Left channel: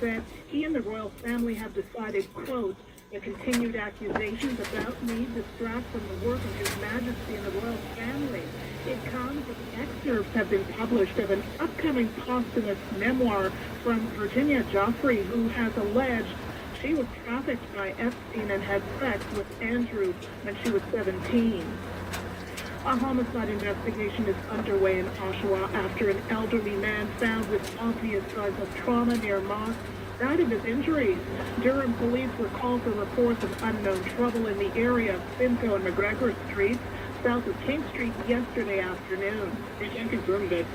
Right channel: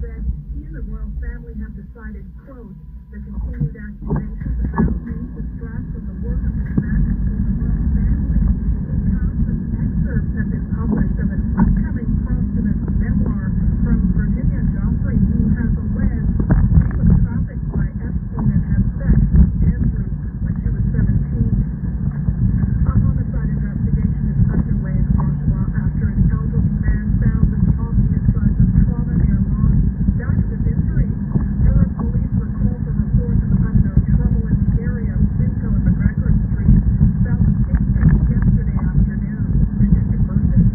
said he and the royal family have decided, quote, the continued accusations about me distract from the work of His Majesty and the royal family. It comes as excerpts have been published of an upcoming posthumous memoir from Virginia Giuffre, who has alleged she was trafficked by Epstein and had sex with Andrew when she was 17. A homicide investigation is underway in Oshawa after an elderly man found with obvious signs of trauma near a mosque died of his injuries. Durham police were called for reports of unknown trouble in the area of Simcoe and McGregor Streets, south of King Street, yesterday afternoon. We can confirm that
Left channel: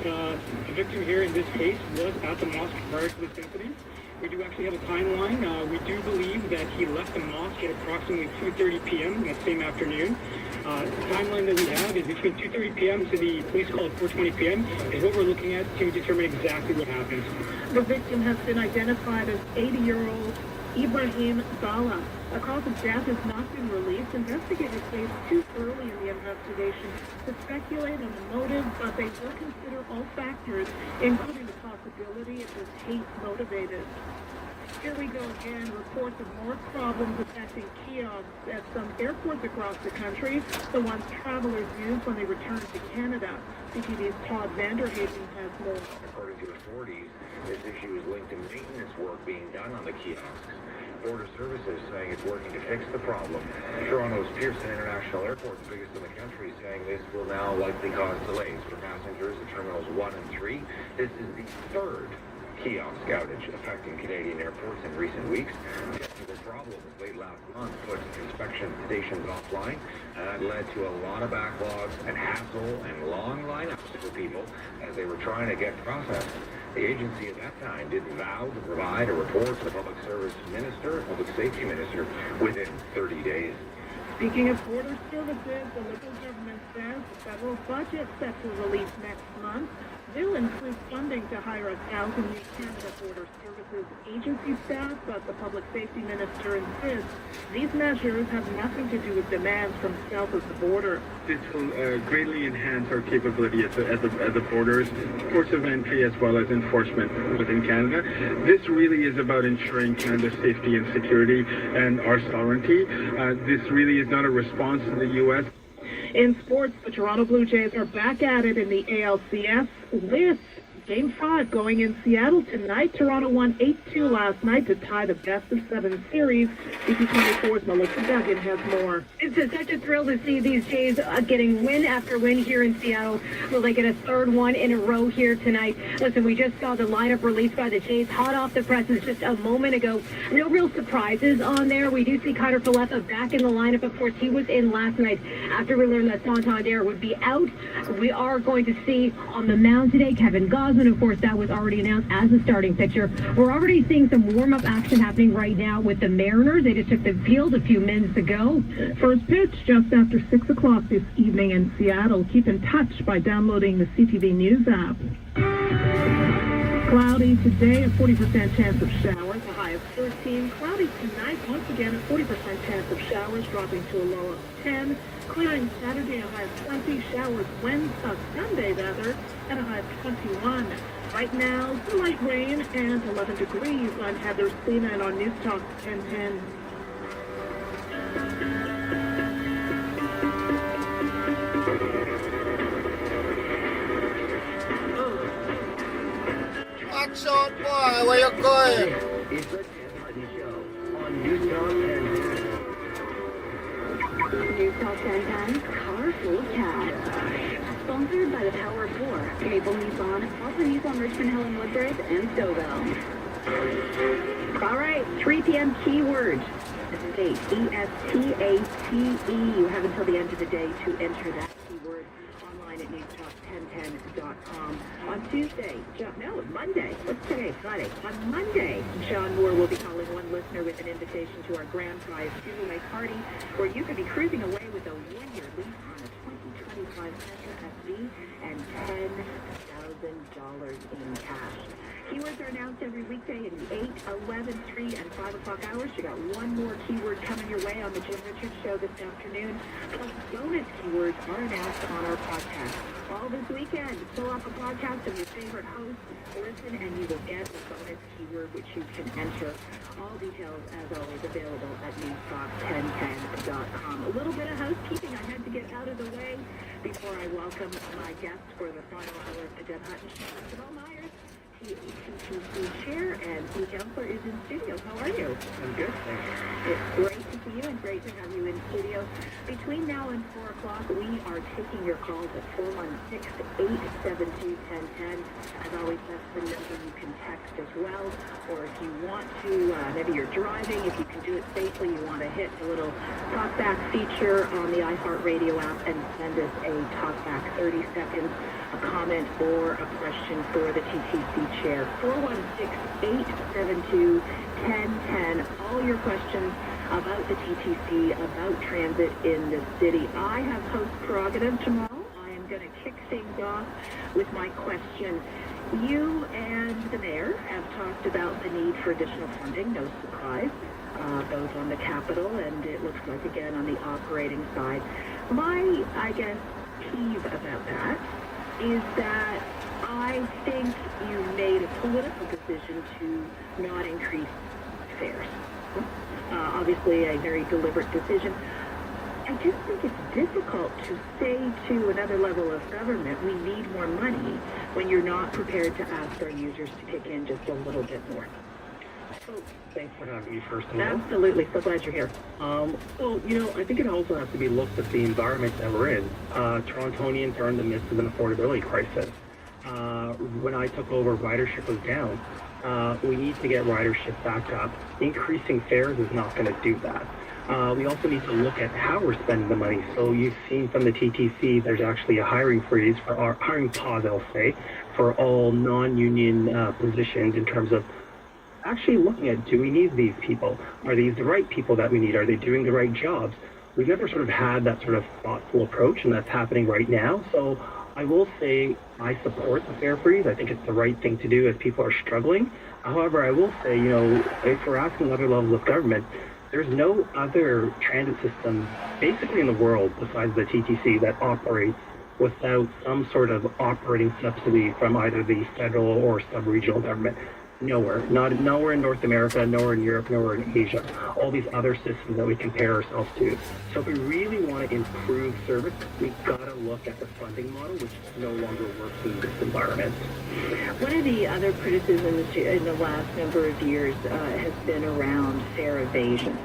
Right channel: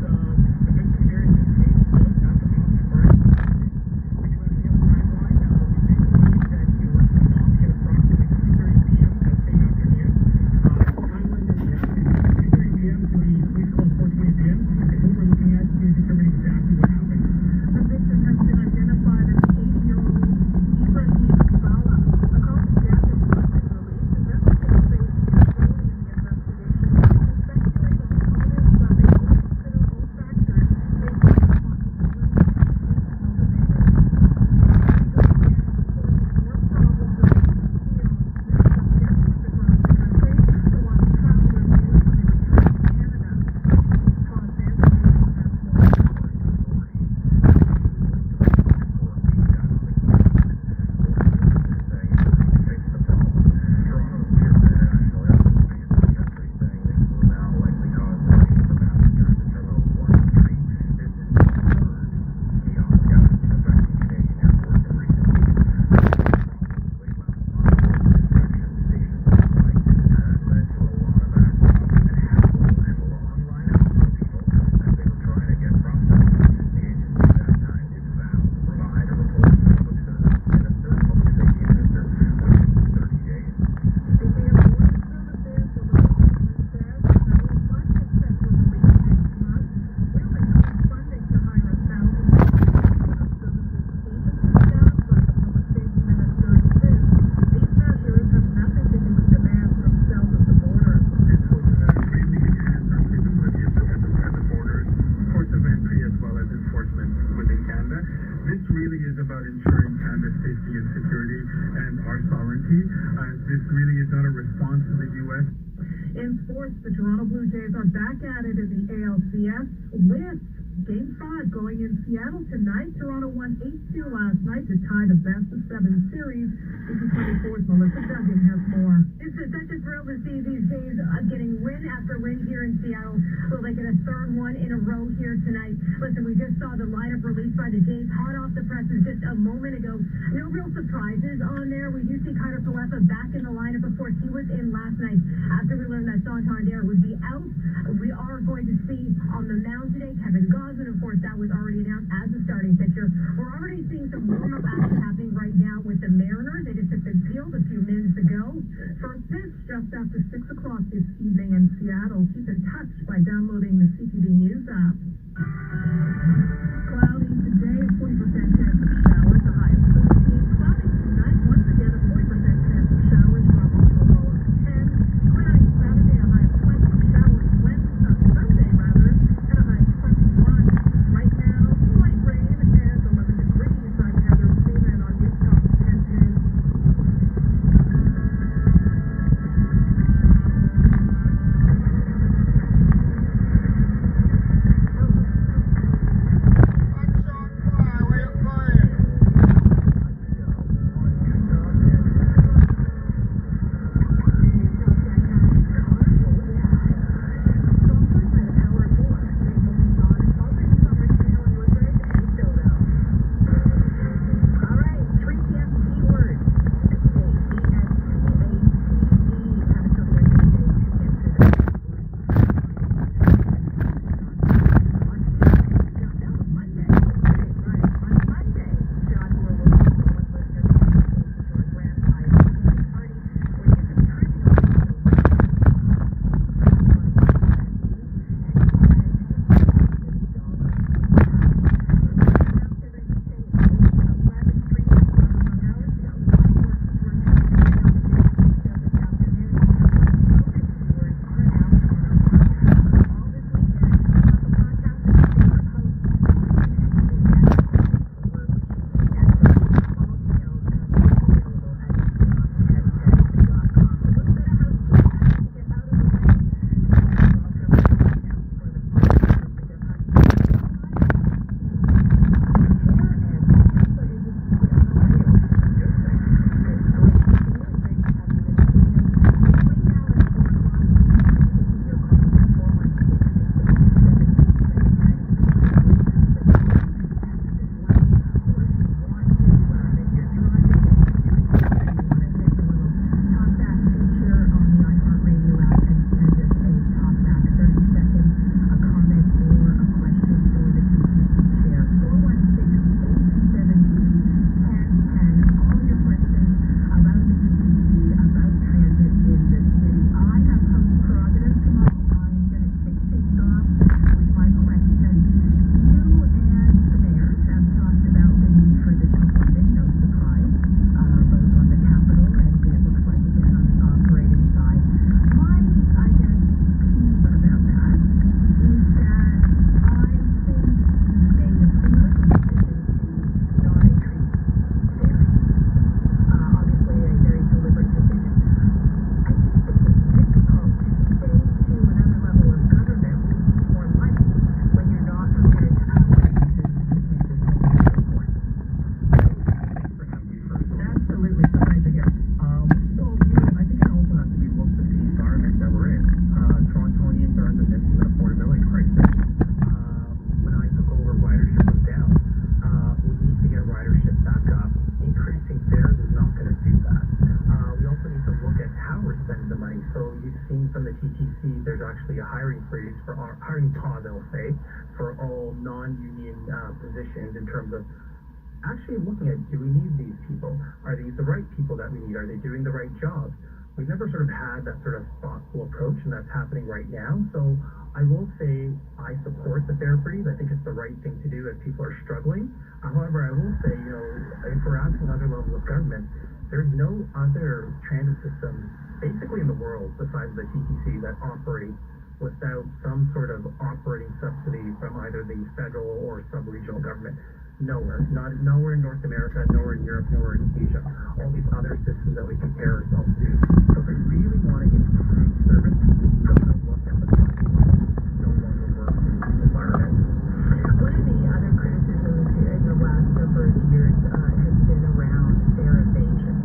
the victim here in this case was at the mosque prior to this incident. We do actually have a timeline. We do believe that he left the mosque at approximately 2:30 p.m. that same afternoon. The timeline that we have is between 2:30 p.m. to the police call at 4:20 p.m. is what we're looking at to determine exactly what happened. The victim has been identified as 80-year-old Ibrahim Salah. A cause of death has not been released. Investigators say it's too early in the investigation to speculate on the motive, but they will consider all factors, including the possibility it was hate motivated. Here we go again. Reports of more problems affecting kiosks at some airports across the country, the ones travelers use when they return to Canada. TV's Todd Vanderhaven has more. According to authorities, this issue is linked to maintenance work being done on the kiosks. Border Services saying it's working to fix the problem. Toronto's Pearson International Airport, the biggest in the country, saying this will now likely cause delays for passengers at Terminals 1 and 3. This is the third kiosk outage affecting Canadian airports in recent weeks. The problem was late last month put inspection stations offline. That led to a lot of backlogs and hassle and long lineups for people as they were trying to get processed. The agency at that time did vow to provide a report to the Public Service Minister, Public Safety Minister, within 30 days. Speaking of border services, the local government says the federal budget set to release next month still includes funding to hire 1,000 new border services agency staff, but the public safety minister insists these measures have nothing to do with demands from south of the border. This will greatly enhance our capability at the borders, ports of entry, as well as enforcement within Canada. This really is about ensuring Canada's safety and security and our sovereignty. This really is not a response to the U.S. In sports, the Toronto Blue Jays are back at it in the ALCS with Game 5 going in Seattle tonight. Toronto won 8-2 last night to tie the best-of-7 series. BC24's Melissa Duggan has more. It's such a thrill to see these Jays getting win after win here in Seattle. Will they get a third one in a row here tonight? Listen, we just saw the lineup released by the Jays, hot off the presses just a moment ago. No real surprises on there. We do see Kyle Falefa back in the lineup. Of course, he was in last night after we learned that Santander would be out. We are going to see on the mound today Kevin Gausman. Of course, that was already announced as the starting pitcher. We're already seeing some warm-up action happening right now with the Mariners. They just took the field a few minutes ago. First pitch just after 6 o'clock this evening in Seattle. Keep in touch by downloading the CTV News app. Cloudy today, a 40% chance of showers, a high of 13. Cloudy tonight, once again, a 40% chance of showers, dropping to a low of 10. Clearing Saturday, a high of 20. Showers Wednesday, Sunday, rather, and a high of 21. Right now, light rain and 11 degrees. I'm Heather Sina, and on News Talk 1010. Action, boy, where you going? News Talk 1010, Car Full of Cash. Sponsored by the Power of 4, Cable Nissan, and properties on Richmond Hill and Woodbridge and Stouffville. All right, 3 p.m. keyword. State, E-S-T-A-T-E. You have until the end of the day to enter that keyword online at newstalk1010.com. On Tuesday, Monday. What's today? Friday. On Monday, Sean Moore will be calling one listener with an invitation to our grand prize giveaway party, where you could be cruising away with a USD and $10,000 in cash. Keywords are announced every weekday at 8, 11, 3, and 5 o'clock hours. You got one more keyword coming your way on the Jim Richards Show this afternoon. Bonus keywords are TTC Chair, 416-872-1010. All your questions about the TTC, about transit in the city. I have host prerogative, Jamal. I am going to kick things off with my question. You and the mayor have talked about the need for additional funding, no surprise, both on the capital and it looks like again on the operating side. My, I guess, peeve about that is that I think you made a political decision to not increase fares. Obviously a very deliberate decision. I just think it's difficult to say to another level of government, we need more money, when you're not prepared to ask our users to kick in just a little bit more. Thanks for having me first. Absolutely, so glad you're here. Well, I think it also has to be looked at the environment that we're in. Torontonians are in the midst of an affordability crisis. When I took over, ridership was down. We need to get ridership back up. Increasing fares is not going to do that. We also need to look at how we're spending the money. So you've seen from the TTC, there's actually a hiring freeze, or hiring pause, I'll say, for all non-union positions in terms of actually looking at, do we need these people? Are these the right people that we need? Are they doing the right jobs? We've never sort of had that sort of thoughtful approach, and that's happening right now. So I will say I support the fare freeze. I think it's the right thing to do if people are struggling. However, I will say, if we're asking other levels of government, there's no other transit system basically in the world besides the TTC that operates without some sort of operating subsidy from either the federal or sub-regional government. Nowhere. Nowhere in North America, nowhere in Europe, nowhere in Asia. All these other systems that we compare ourselves to. So if we really want to improve service, we've got to look at the funding model, which no longer works in this environment. One of the other criticisms in the last number of years has been around fare evasion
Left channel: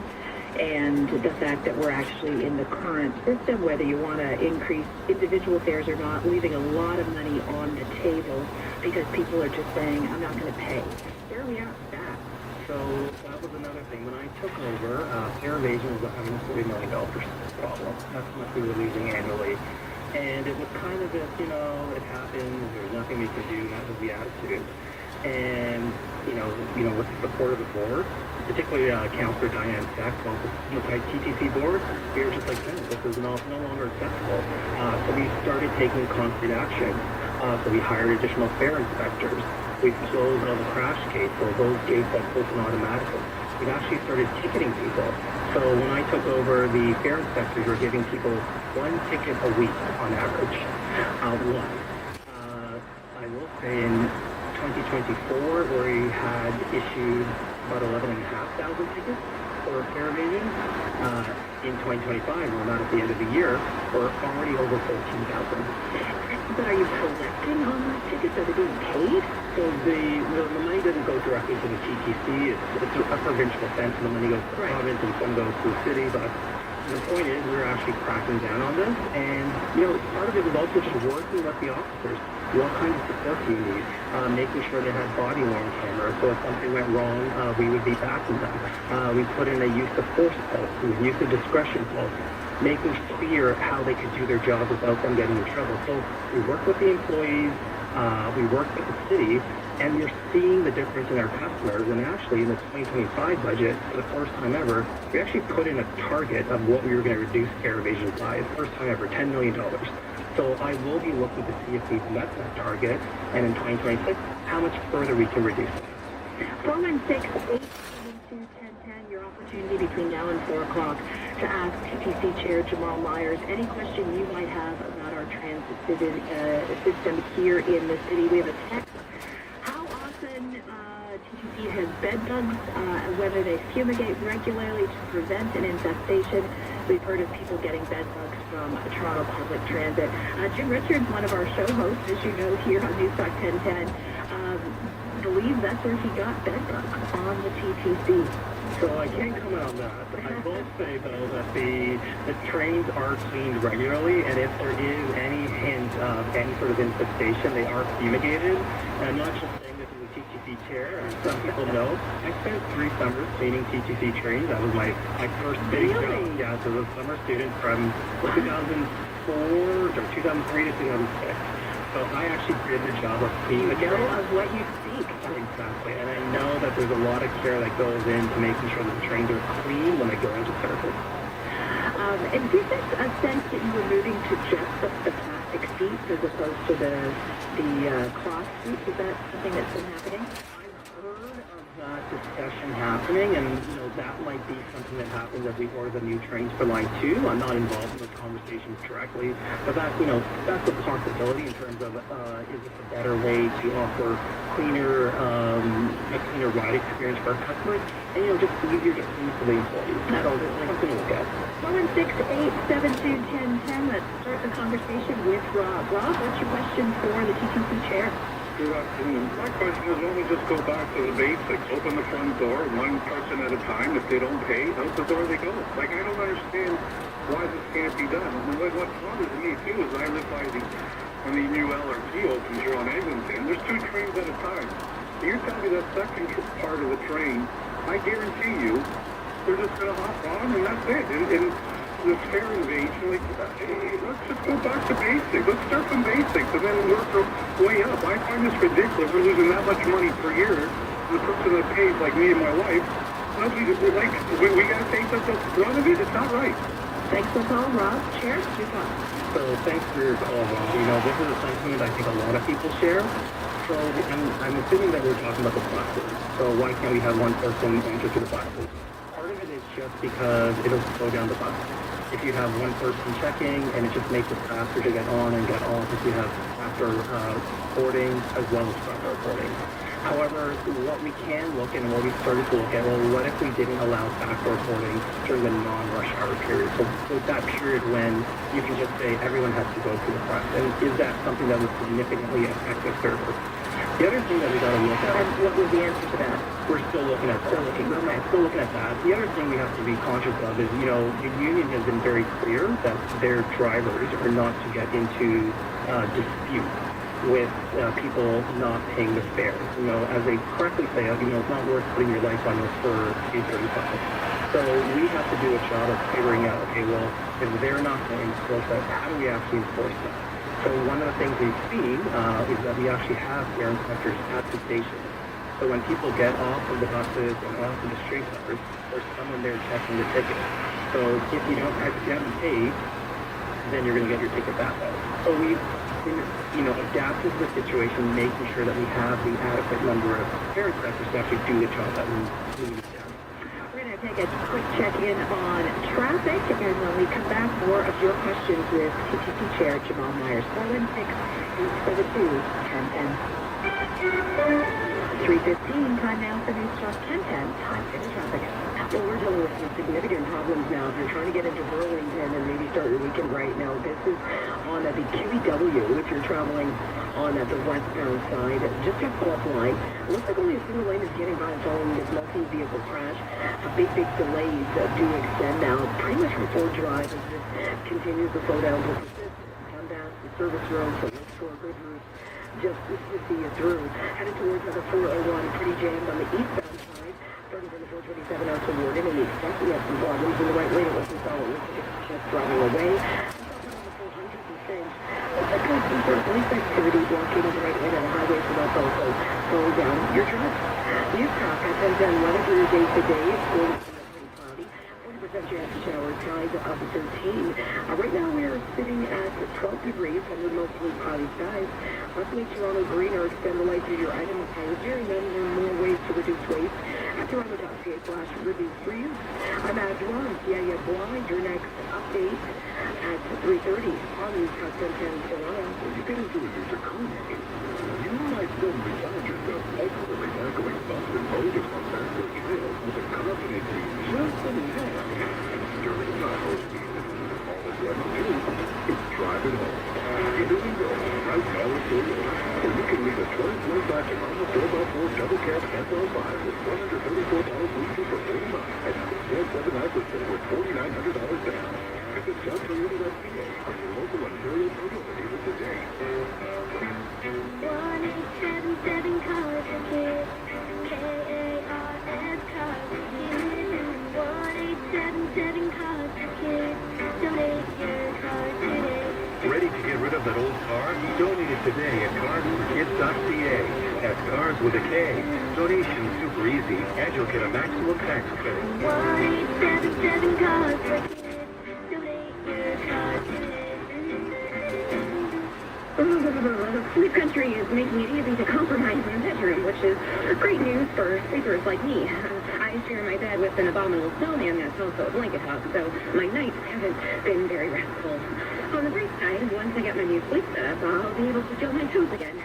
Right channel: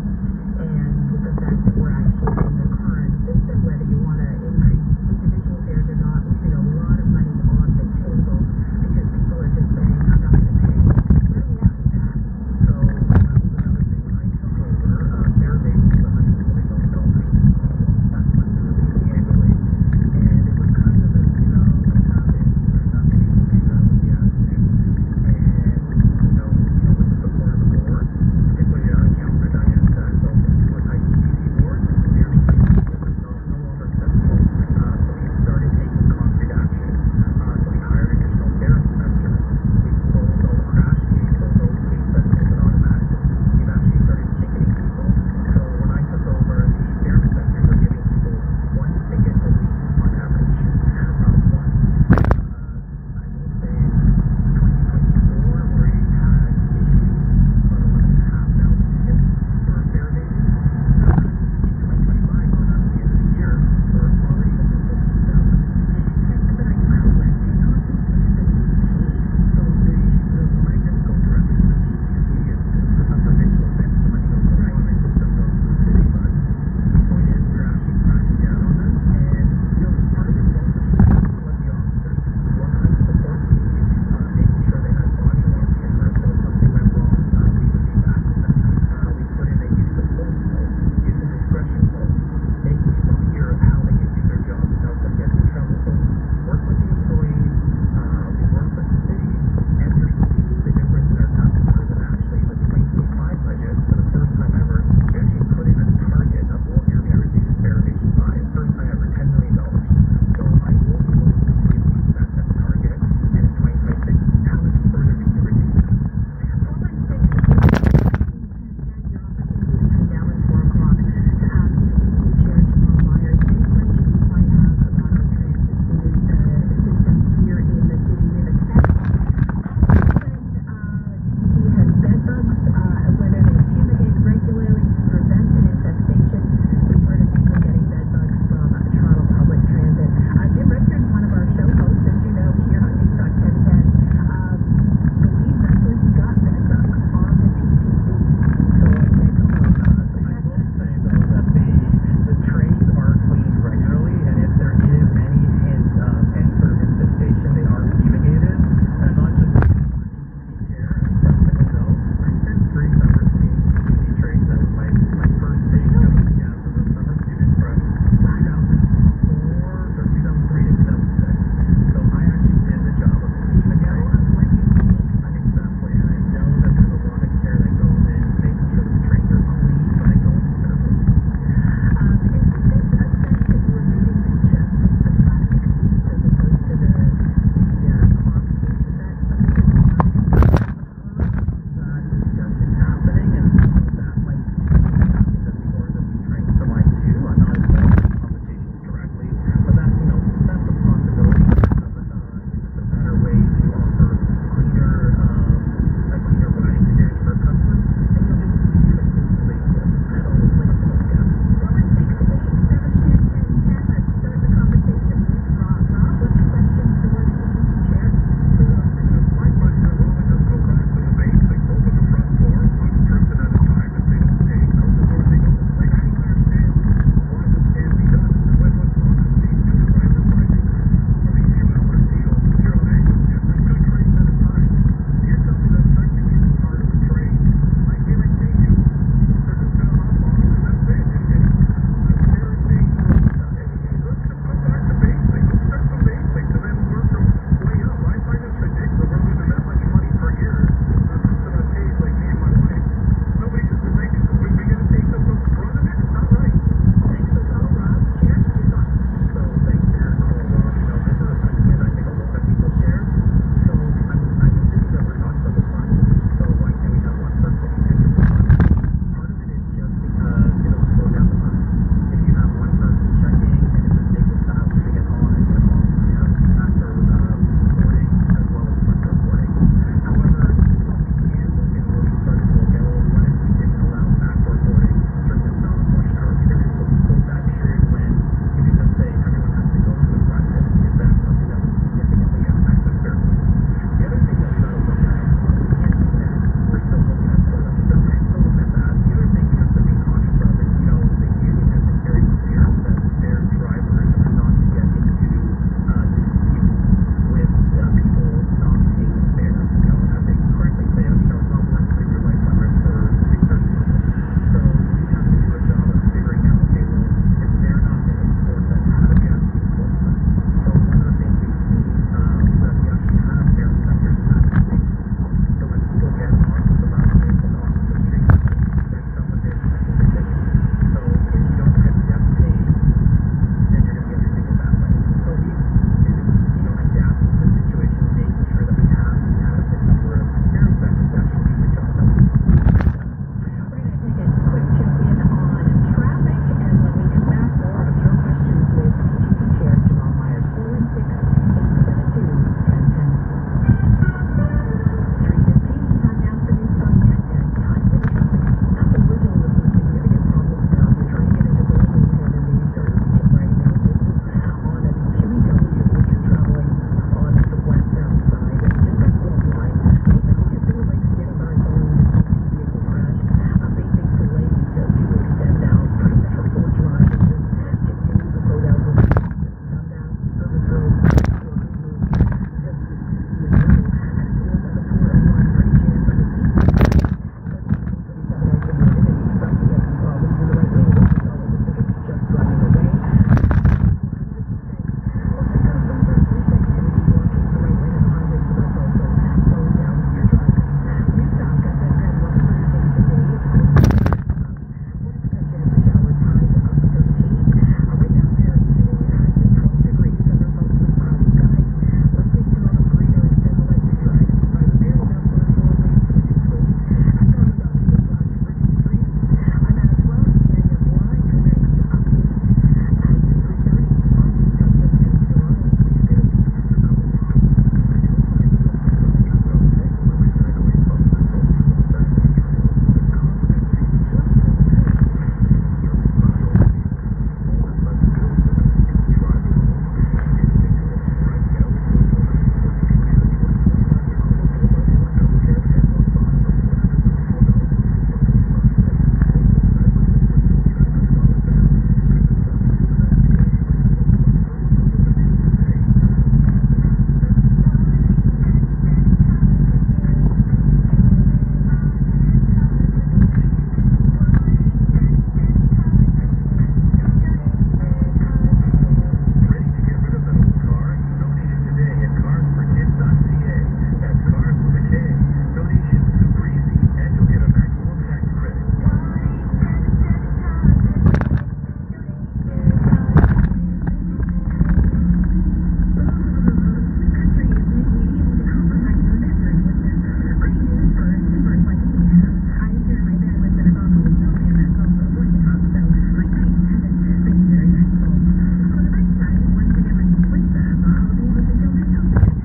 and the fact that we're actually in the current system, whether you want to increase individual fares or not, leaving a lot of money on the table because people are just saying, I'm not going to pay. Where are we at with that? So that was another thing. When I took over, fare evasion was $140 million problem. That's what we were losing annually. And it was kind of just, it happened, there's nothing we can do, that's the attitude. And, with the support of the board, particularly Councillor Diane Sack, TTC board, we were just like, this is no longer acceptable. So we started taking concrete action. So we hired additional fare inspectors. We've closed all the crash gates, so those gates that open automatically. We've actually started ticketing people. So when I took over, the fare inspectors were giving people 1 ticket a week on average. I will say in 2024, we had issued about 11,500 tickets for fare evasion. In 2025, we're not at the end of the year, we're already over 14,000. But are you collecting on those tickets? Are they being paid? So the money doesn't go directly to the TTC. It's a provincial sense. The money goes to the province and some goes to the city. But the point is, we're actually cracking down on this. And, part of it was also just working with the officers. What kind of support do you need? Making sure they had body-worn cameras. So if something went wrong, we would be backing them. We put in a use of force policy, use of discretion policy, making clear how they could do their job without them getting in trouble. So we work with the employees, we work with the city, and we're seeing the difference in our customers. And actually, the 2025 budget, for the first time ever, we actually put in a target of what we were going to reduce fare evasion by. First time ever, $10 million. So I will be looking to see if we've met that target, and in 2026, how much further we can reduce it. 416-872-1010, your opportunity between now and 4 o'clock to ask TTC Chair Jamal Myers any question you might have about our transit system here in the city. We have a text. How often TTC has bed bugs, whether they fumigate regularly to prevent an infestation. We've heard of people getting bed bugs from Toronto Public Transit. Jim Richards, one of our show hosts, as you know, here on News Talk 1010, believes that's where he got bed bugs, on the TTC. So I can't comment on that. I will say, though, that the trains are cleaned regularly, and if there is any hint of any sort of infestation, they are fumigated. it easily for you. I don't know, something to look at. 416-872-1010. Let's start the conversation with Rob. Rob, what's your question for the TTC chair? Good afternoon. My question is, why don't we just go back to the basics? Open the front door, one person at a time. If they don't pay, out the door they go. Like, I don't understand why this can't be done. And what bothers me, too, is I live by when the new LRT opens here on Eglinton. There's 2 trains at a time. You're telling me that second part of the train, I guarantee you, they're just going to hop on and that's it. And the fare invasion, like, hey, let's just go back to basics. Let's start from basics and then work our way up. I find this ridiculous. We're losing that much money per year. The person that pays, like me and my wife, nobody, like, we got to take the run of it. It's not right. Thanks for the call, Rob. Chair, your thoughts? So thanks for your call, Rob. You know, this is a sentiment I think a lot of people share. So I'm assuming that we're talking about the classes. So why can't we have one person enter the classes? Part of it is just because it'll slow down the bus. If you have one person checking and it just makes it faster to get on and get off if you have after boarding as well as front door boarding. However, what we can look and what we started to look at, well, what if we didn't allow backdoor boarding during the non-rush hour period? So that period when you can just say everyone has to go through the press, and is that something that would significantly affect the service? The other thing that we got to look at, What was the answer to that? we're still looking at that. Still looking at that. The other thing we have to be conscious of is, you know, the union has been very clear that their drivers are not to get into dispute with people not paying the fare. You know, as they correctly say, you know, it's not worth putting your life on risk for $3.35. So we have to do a job of figuring out, okay, well, if they're not going to enforce that, how do we actually enforce that? So one of the things we see is that we actually have fare inspectors at the station. So when people get off of the buses and onto the street, there's someone there checking the ticket. So if you don't have to pay, then you're going to get your ticket that way. So we, you know, adapt to the situation, making sure that we have the adequate number of fare inspectors to actually do the job that we need. We're going to take a quick check-in on traffic, and when we come back, more of your questions with TTC Chair Jamal Myers. 416-872-1010. 3:15, time now for News Talk 1010, time for traffic. So we're dealing with some significant problems now. If you're trying to get into Burlington and maybe start your weekend right now, this is on the QEW if you're traveling on the westbound side. Just a pull-up line. It looks like only a single lane is getting by following this multi-vehicle crash. Big delays do extend now pretty much from Ford Drive. This continues to slow down to come down Service Road, Corker Route, just to see you through. Headed towards the 401, pretty jammed on the east side. Starting from the 427 out to the Infinity. Especially as we saw moving the right lane, as we saw just driving away. 400 and change. Police activity blocking the right lane on the highway, so that's also slowing down your traffic. News Talk, I said then weather for your day today. It's going to be cloudy. 40% chance of showers, highs of 13. Right now we are sitting at 12 degrees under mostly cloudy skies. Leslie, Toronto Green, or extend the light to your items. I was hearing them. There are more ways to reduce waste at Toronto.ca/Ribbon Freeze. I'm at Durham, your next update at 3:30 on News Talk 1010 Toronto. It's going to do with your comment. Utilize those percentages of multiple recycling bumps and bogus on Saturday trails with the confidence you just didn't have. During time over the all that's left to do is drive it home. Either we go right out to the or you can leave a 2025 Toronto Silver Ford double cab F-105 with $134 leasing for 35 and having sales 79% with $4,900 down. Visit just a little SBA or your local Ontario Toyota dealer today. 1-877 College for Kids. KARS. 1-877 College for Kids. Donate your car today. Ready to get rid of that old car? Donate it today at carsforkids.ca. That's cars with a K. Donations super easy, and you'll get a maximum tax credit. 1-877 College for Kids. Donate your car today. Sleep Country is making it easy to compromise my bedroom, which is great news for sleepers like me. I share my bed with an abominable snowman that's also a blanket hub, so my nights haven't been very restful. On the bright side, once I get my new sleep setup, I'll be able to feel my toes again.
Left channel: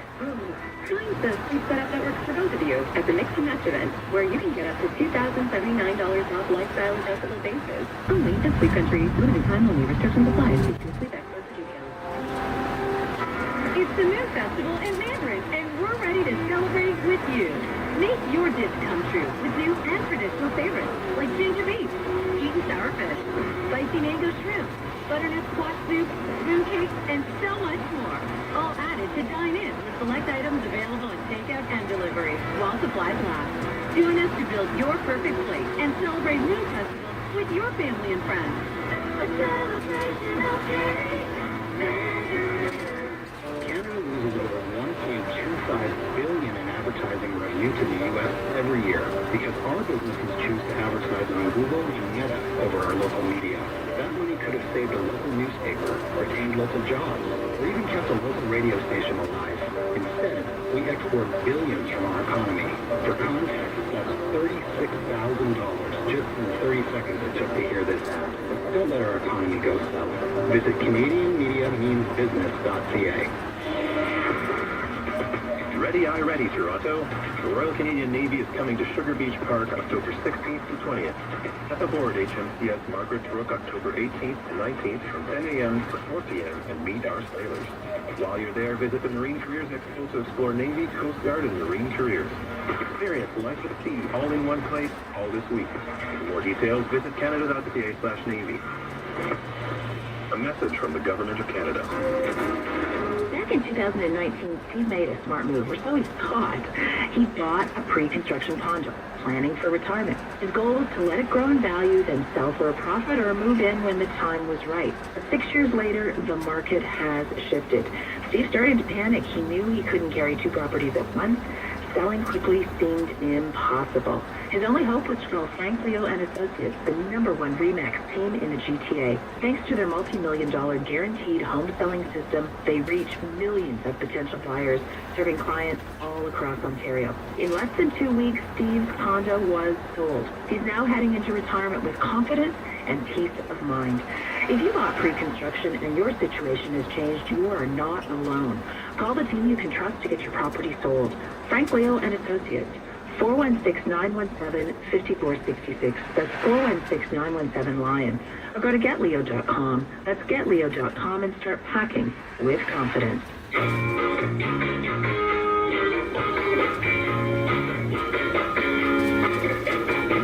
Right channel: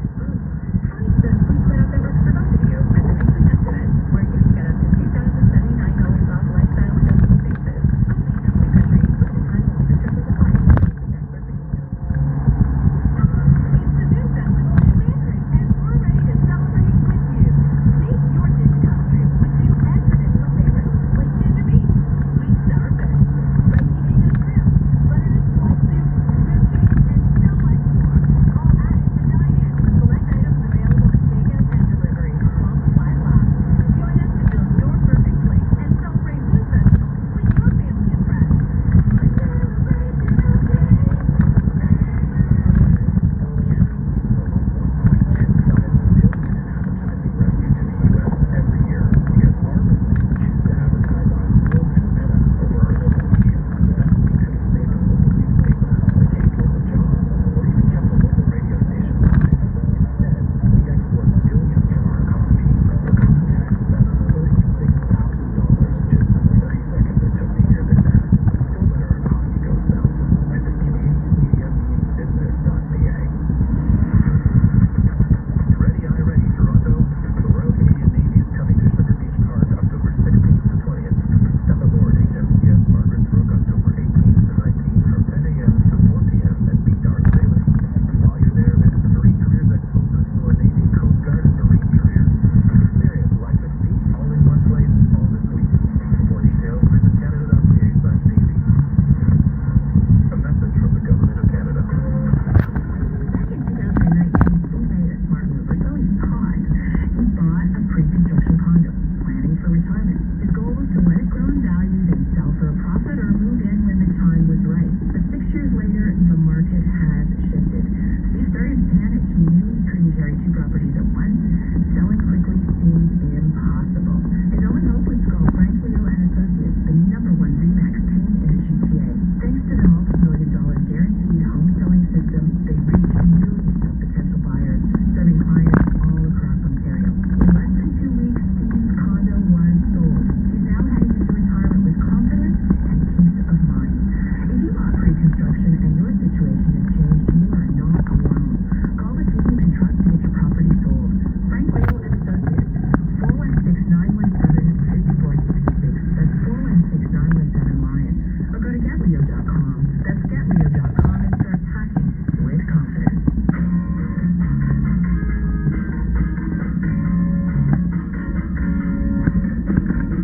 Find the sleep setup that works for both of you at the Mix and Match event, where you can get up to $2,079 off Margaret Brook October 18th and 19th from 10 a.m. to 4 p.m. and meet our sailors. While you're there, visit the Marine Careers Expo to explore Navy, Coast Guard, and Marine careers. Experience life at sea all in one place all this week. For more details, visit canada.ca/Navy. A message from the Government of Canada. Back in 2019, Steve made a smart move, or so he thought. He bought a pre-construction condo, planning for retirement. His goal was to let it grow in value, then sell for a profit or move in when the time was right. But 6 years later, the market has shifted. Steve started to panic. He knew he couldn't carry two properties at once. Selling quickly seemed impossible. His only hope was to call Frank Leo and Associates, the #1 RE/MAX team in the GTA. Thanks to their multi-million-dollar guaranteed home selling system, they reach millions of potential buyers, serving clients all across Ontario. In less than 2 weeks, Steve's condo was sold. He's now heading into retirement with confidence and peace of mind. If you bought pre-construction and your situation has changed, you are not alone. Call the team you can trust to get your property sold. Frank Leo and Associates, 416-917-5466. That's 416-917-LION. Or go to getleo.com. That's getleo.com and start packing with confidence.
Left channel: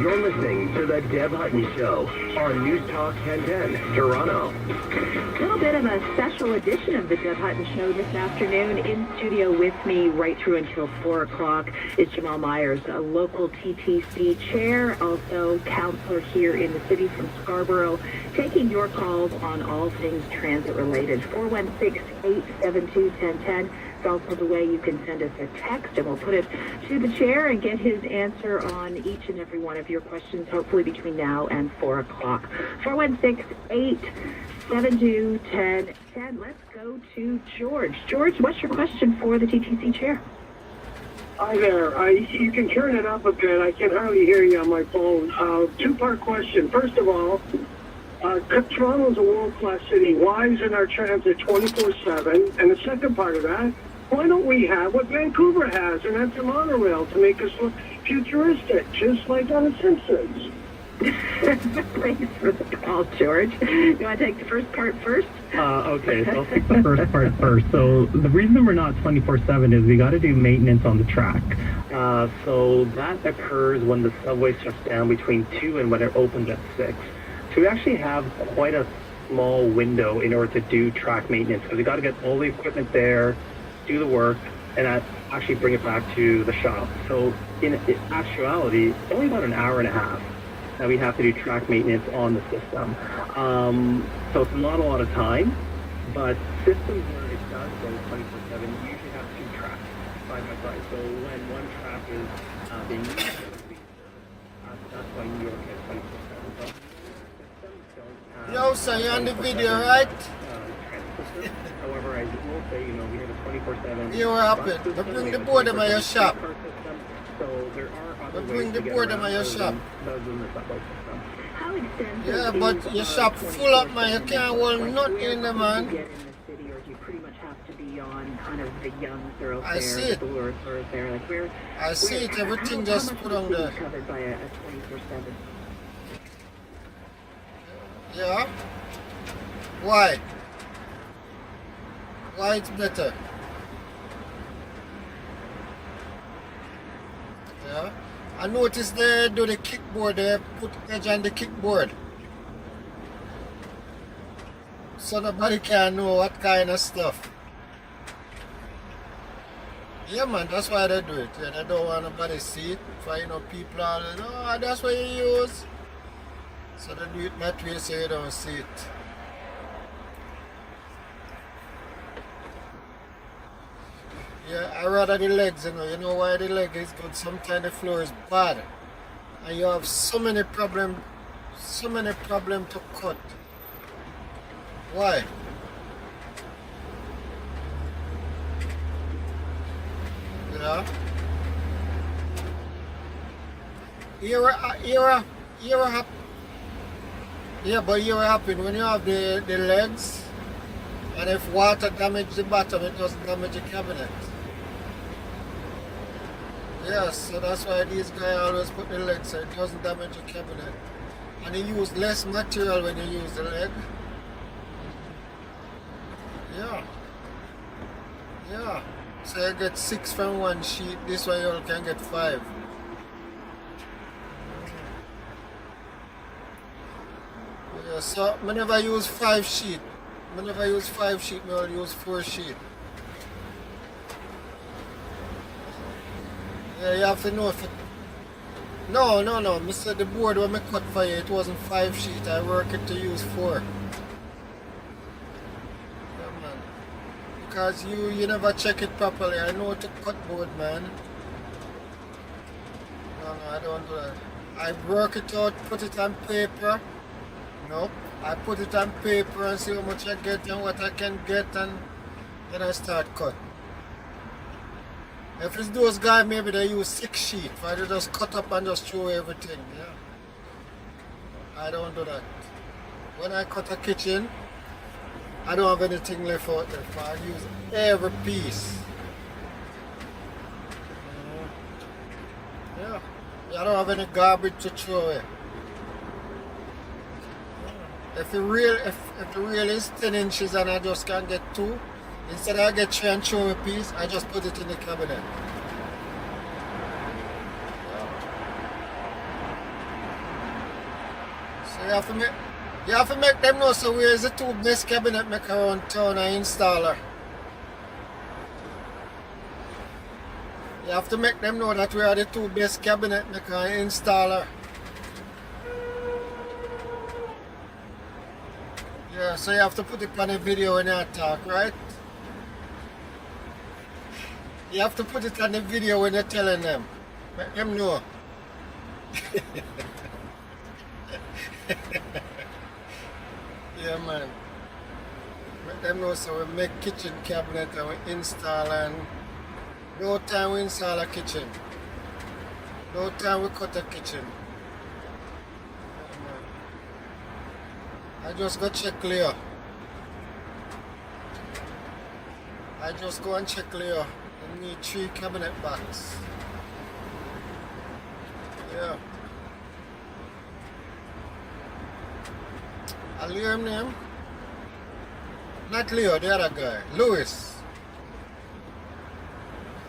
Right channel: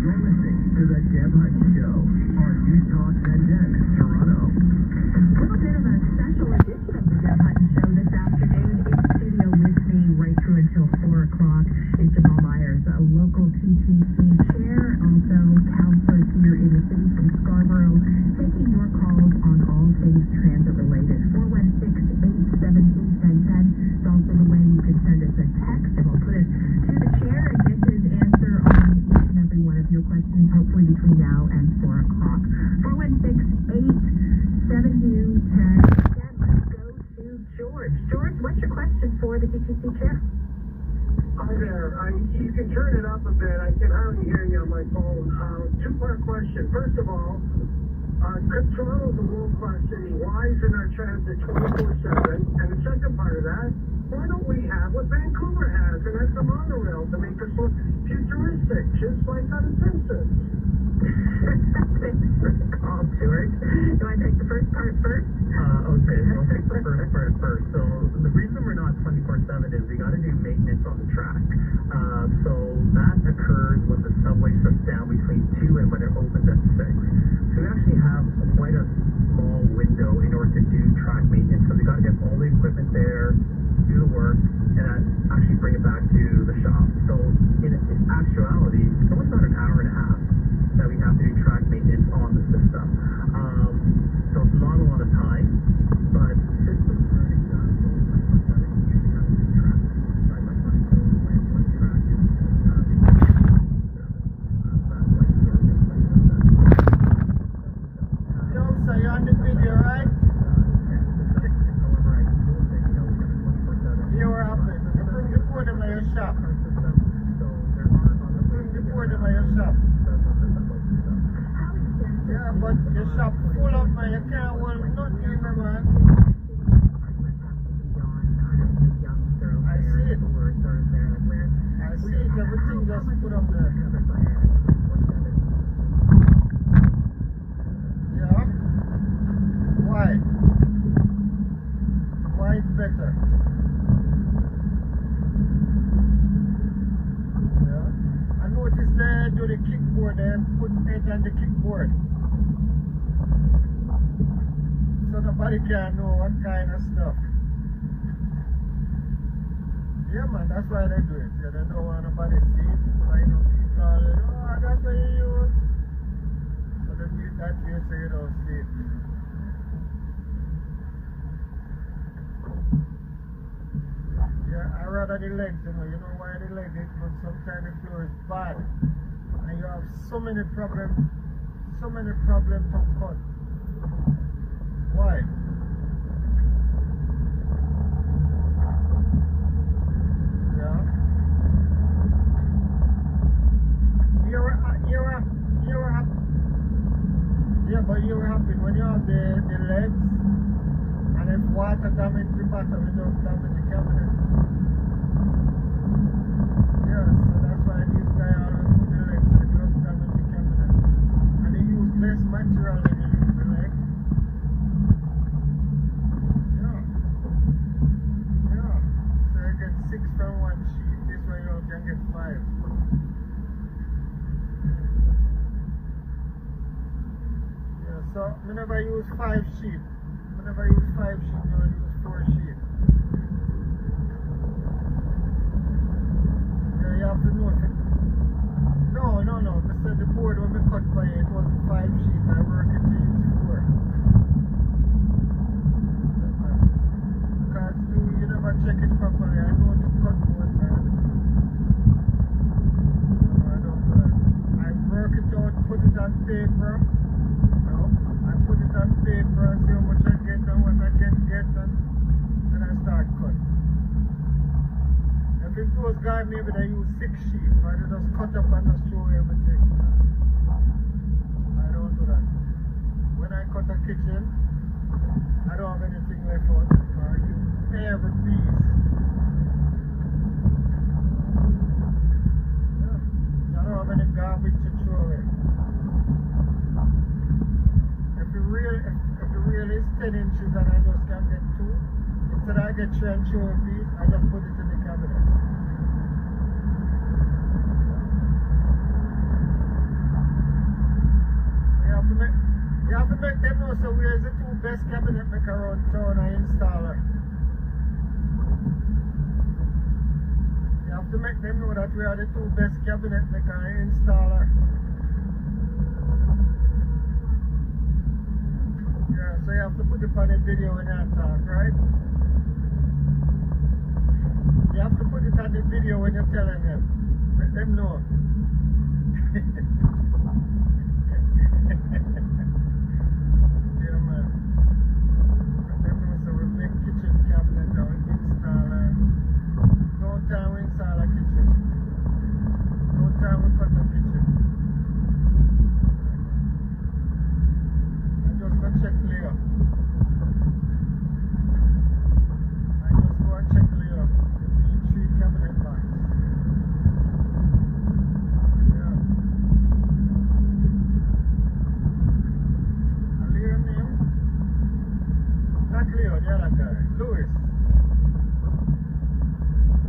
You're listening to The Deb Hutton Show on News Talk 1010, Toronto. A little bit of a special edition of the Deb Hutton Show this afternoon. In studio with me right through until 4 o'clock is Jamal Myers, a local TTC chair, also counselor here in the city from Scarborough, taking your calls on all things transit related. 416-872-1010 is also the way you can send us a text, and we'll put it to the chair and get his answer on each and every one of your questions, hopefully between now and 4 o'clock. 416-872-1010. Let's go to George. George, what's your question for the TTC chair? Hi there. You can turn it up a bit. I can hardly hear you on my phone. Two-part question. First of all, Toronto's a world-class city. Why isn't our transit 24/7? And the second part of that, why don't we have what Vancouver has, and that's a monorail to make us look futuristic, just like on The Simpsons? Thanks for the call, George. You want to take the first part first? Okay, so I'll take the first part first. So the reason we're not 24/7 is we got to do maintenance on the track. So that occurs when the subway shuts down between 2 and when it opens at 6. So we actually have quite a small window in order to do track maintenance, because we got to get all the equipment there, do the work, and actually bring it back to the shop. So in actuality, it's only about an hour and a half that we have to do track maintenance on the system. So it's not a lot of time, but systems where it's done, so 24/7, you usually have to do tracks side by side. So when one track is being used, that's why New York has 24/7. Yo, so you're on the video, right? However, I will say, we have a 24/7. You were up it. Bring the board in your shop. So there are other Bring ways the to get board in around your those shop. How extensive Yeah, but your shop full up, man. You can't hold nothing in there, man. You pretty much have to be on kind of the young thoroughfare. I see it. The Lord thoroughfare. Like I see it. Everything just put on there. Covered by a 24/7. Yeah? Why? Why it's better? Yeah? I noticed they do the kickboard, they put edge on the kickboard. So nobody can know what kind of stuff. Yeah, man, that's why they do it. Yeah, they don't want nobody to see it. Find out people all, oh, that's what you use. So they do it that way so you don't see it. Yeah, I rather the legs, you know why the leg is good? Sometimes the floor is bad. And you have so many problems to cut. Why? Yeah. But you're happy when you have the legs, and if water damage the bottom, it doesn't damage the cabinet. Yes, so that's why these guys always put the legs so it doesn't damage the cabinet. And you use less material when you use the leg. Yeah. Yeah. So you get 6 from one sheet. This way you can get 5. Yeah, so I never use 5 sheet. I never use 5 sheet, I only use 4 sheet. Yeah, you have to know if it... No. I said the board when I cut for you, it wasn't 5 sheet. I work it to use 4. Yeah, man. Because you never check it properly. I know to cut board, man. No, I don't do that. I work it out, put it on paper. No, I put it on paper and see how much I get and what I can get, and then I start cut. If it's those guys, maybe they use 6 sheet, right? They just cut up and just throw everything, yeah. I don't do that. When I cut a kitchen, I don't have anything left out there. I use every piece. Yeah. I don't have any garbage to throw away. If the reel is 10 inches and I just can't get 2, instead I get 3 and throw a piece, I just put it in the cabinet. So you have to make them know, so where is the 2 best cabinet maker around town and installer. You have to make them know that we are the 2 best cabinet maker and installer. Yeah, so you have to put it on a video when you talk, right? You have to put it on the video when you're telling them. Let them know. Yeah, man. Let them know, so we make kitchen cabinet and we install, and no time we install a kitchen. No time we cut a kitchen. I just go check Leo. I just go and check Leo. I need 3 cabinet backs. Yeah. I Leo him name? Not Leo, the other guy. Louis.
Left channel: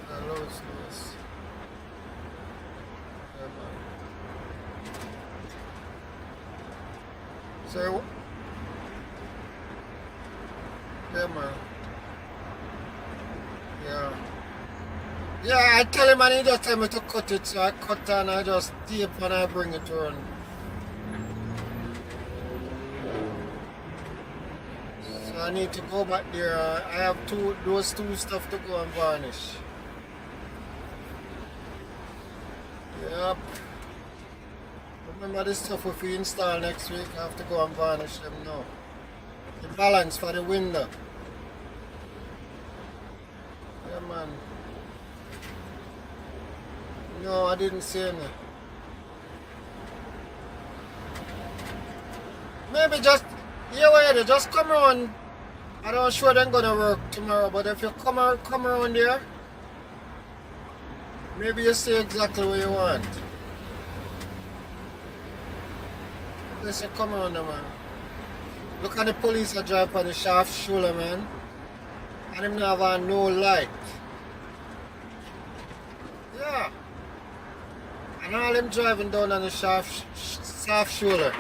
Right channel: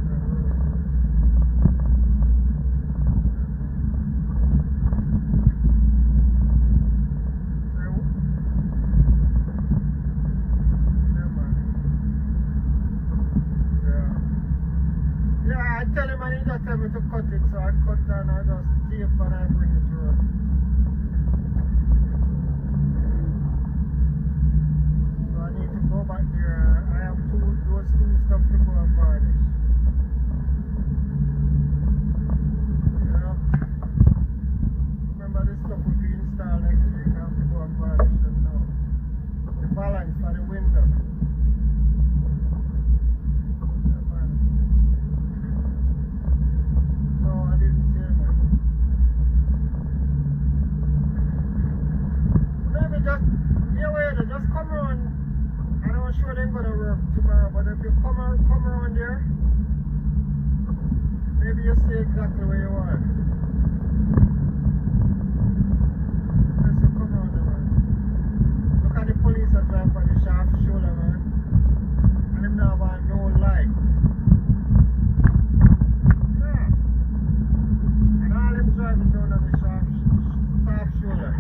Yeah, Louis. Yeah, man. So, yeah, man. Yeah, I tell him and he just tell me to cut it, so I cut and I just tape and I bring it to him. So I need to go back there. I have those two stuff to go and varnish. Yep. Remember this stuff if we install next week, I have to go and varnish them now. The balance for the window. Yeah, man. No, I didn't say anything. Maybe just, just come around. I'm not sure they're gonna work tomorrow, but if you come around there, maybe you see exactly what you want. Let's come around there, man. Look at the police that drive by the shaft shoulder, man. And them not have no light. Yeah. And all them driving down on the shaft shoulder.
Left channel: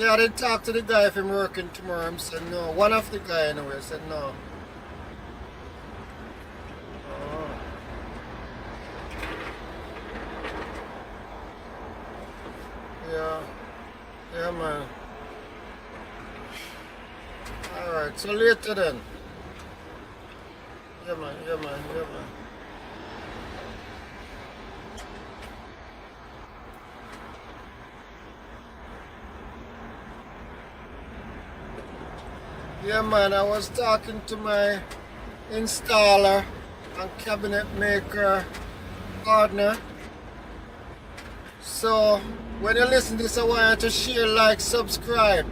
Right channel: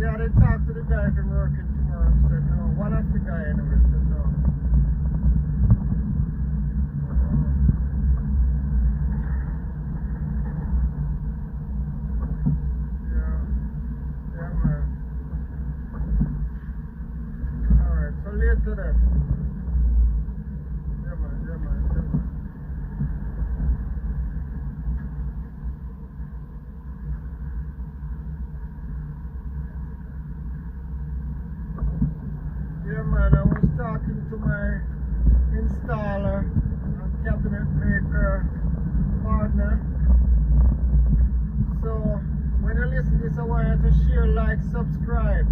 Yeah, they talked to the guy if I'm working tomorrow. He said no. One of the guy anyway said no. Yeah, man. Alright, so later then. Yeah, man. Yeah, man, I was talking to my installer and cabinet maker partner. So, when you listen to this, I want you to share, like, subscribe.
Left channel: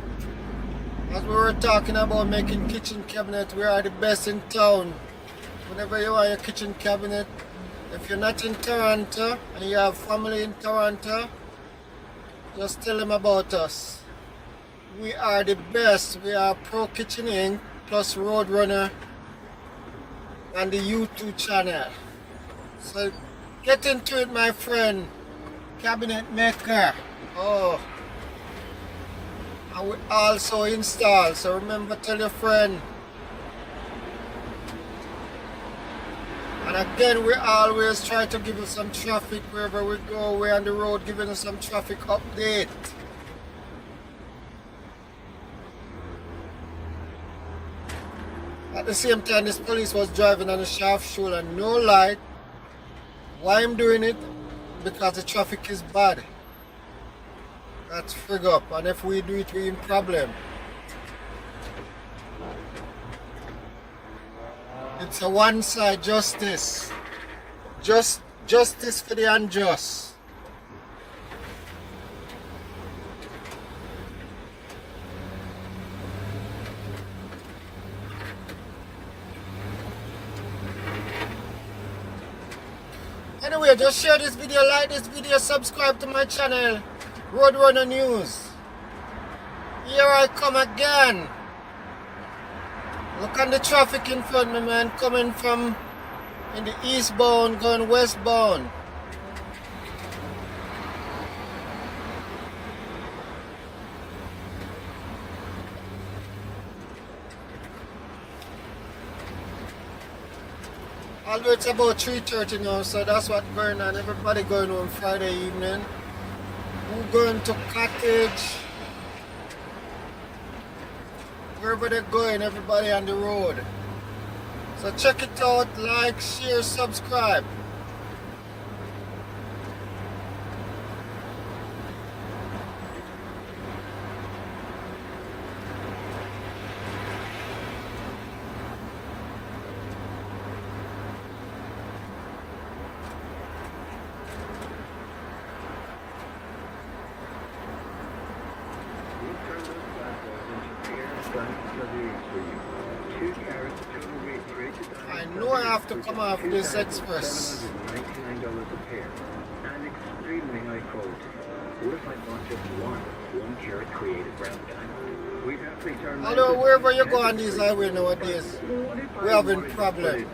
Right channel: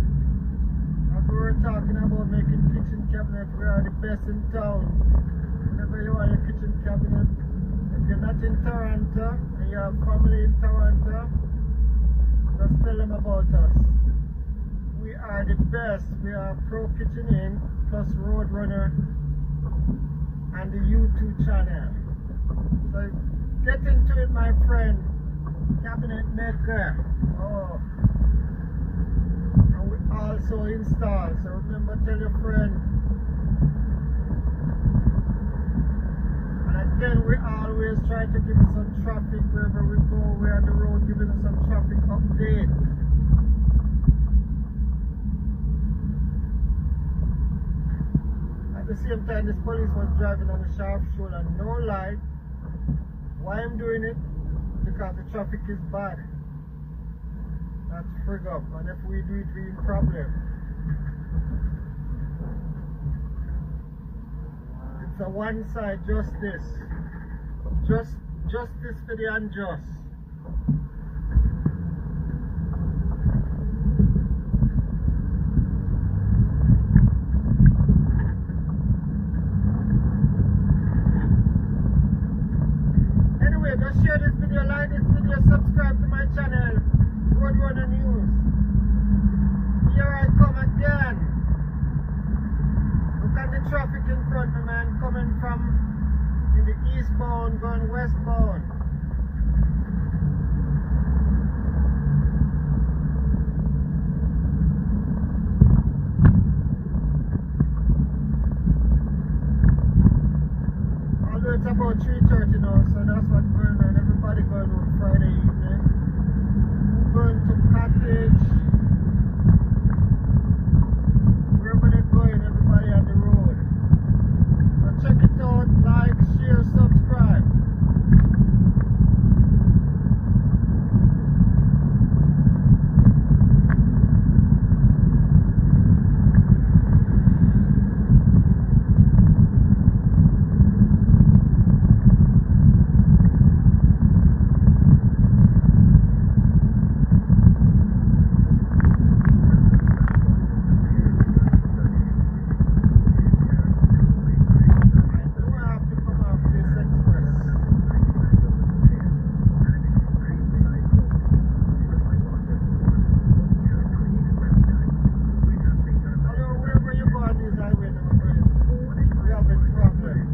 As we were talking about making kitchen cabinet, we are the best in town. Whenever you want your kitchen cabinet, If you're not in Toronto and you have family in Toronto, just tell them about us. We are the best. We are Pro Kitchen Inc. plus Roadrunner and the YouTube channel. So get into it, my friend. Cabinet maker. Oh. And we also install. So remember, tell your friend. And again, we always try to give us some traffic wherever we go. We're on the road giving us some traffic update. At the same time, this police was driving on a sharp shoulder, no light. Why I'm doing it? Because the traffic is bad. That's frig up, and if we do it, we're in problem. It's a one-side justice. Justice for the unjust. Anyway, just share this video, like this video, subscribe to my channel, Roadrunner News. Here I come again. Look at the traffic in front of me, man, coming from in the eastbound, going westbound. Although it's about 3:30 now, so that's what's going on. Everybody going home Friday evening. Who going to Cottage? Wherever they're going, everybody on the road. So check it out, like, share, subscribe. This express. Although wherever you go on these highways nowadays, we're having problems.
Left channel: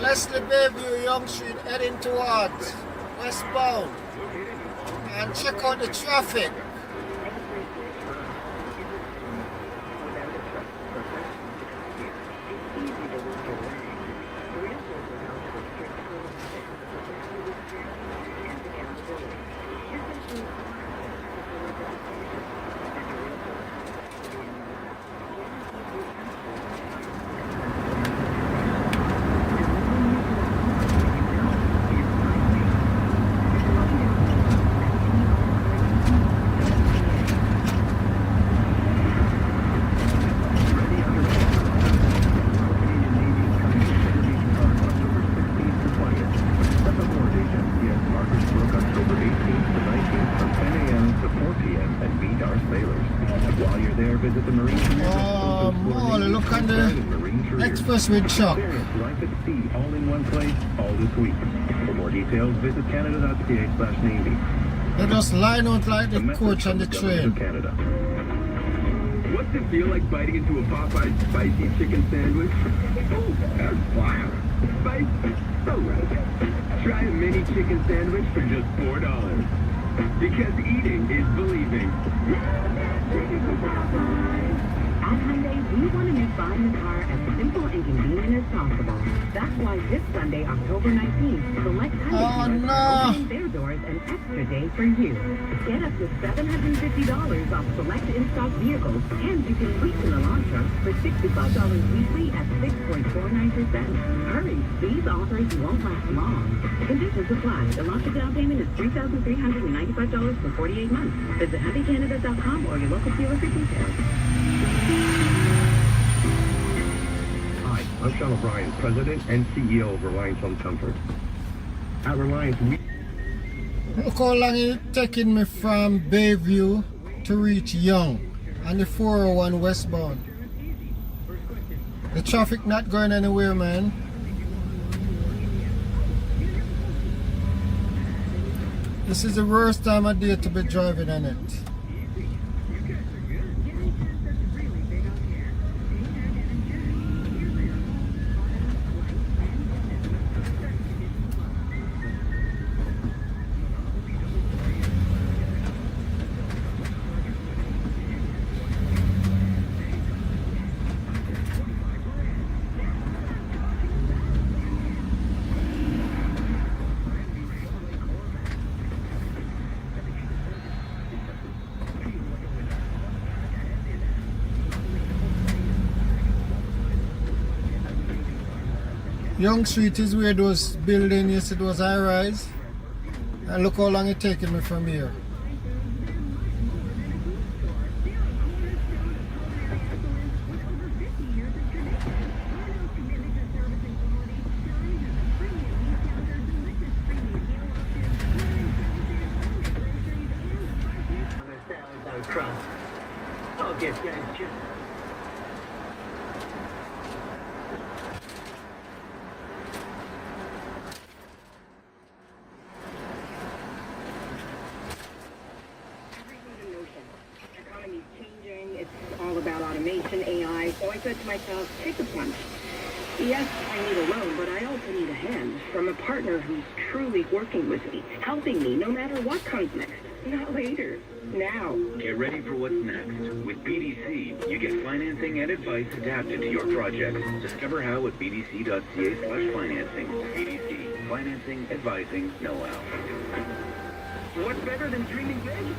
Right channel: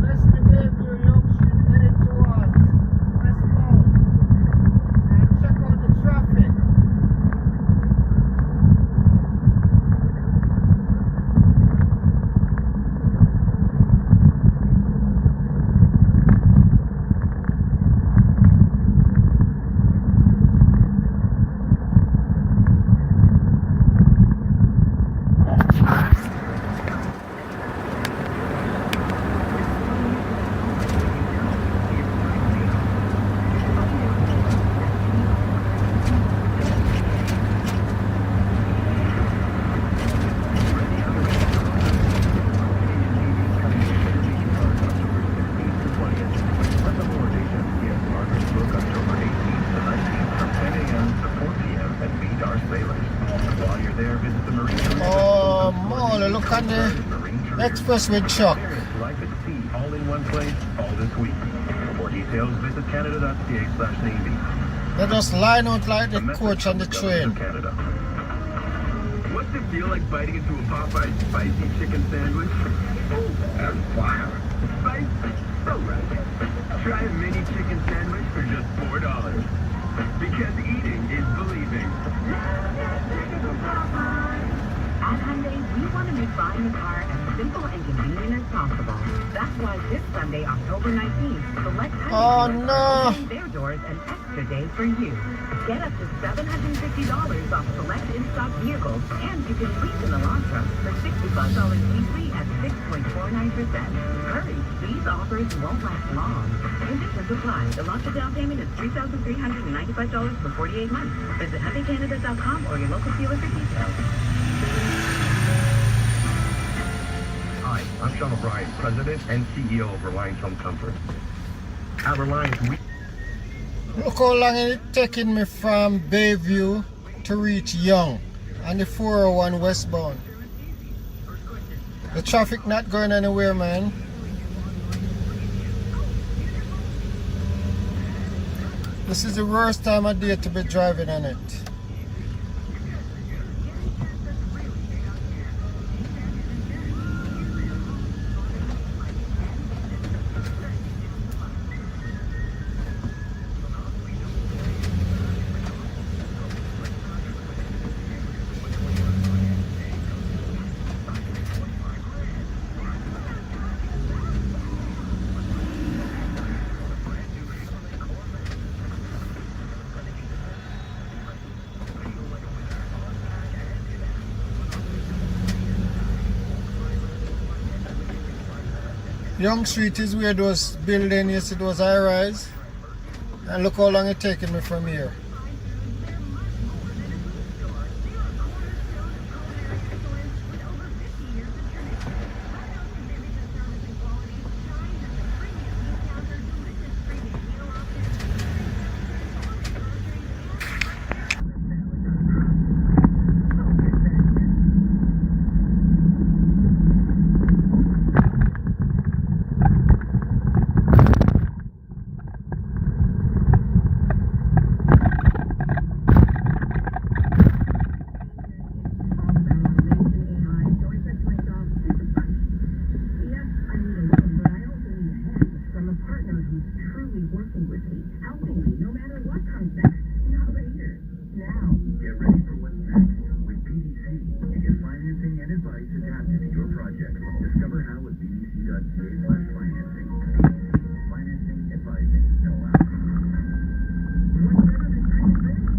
Leslie Bayview, Young Street, heading towards westbound. And check out the traffic. Expressway truck. Life at sea, all in one place, all this week. For more details, visit canada.ca/navy. They just line out like the coach on the train. Canada. What's it feel like biting into a Popeye spicy chicken sandwich? That's fire. Spicy? So right. Try a mini chicken sandwich for just $4. Because eating is believing. At Hyundai, we want to make buying a car as simple and convenient as possible. That's why this Sunday, October 19th, select Hyundai open their doors an extra day for you. Get up to $750 off select in-stock vehicles, and you can lease an Elantra for $65 easily at 6.49%. Hurry, these offers won't last long. Conditions apply. The Elantra down payment is $3,395 for 48 months. Visit happycanada.com or your local dealer for details. Hi, I'm Sean O'Brien, President and CEO of Reliance Home Comfort. Reliance Week. Look how long it's taking me from Bayview to reach Young on the 401 westbound. The traffic not going anywhere, man. This is the worst time of day to be driving on it. Young Street is where those buildings, you see those high-rise, and look how long it's taking me from here. Working with me, helping me no matter what comes next. Not later. Now. Get ready for what's next. With BDC, you get financing and advice adapted to your projects. Discover how at bdc.ca/financing. BDC, financing, advising, know-how. What's better than dreaming big?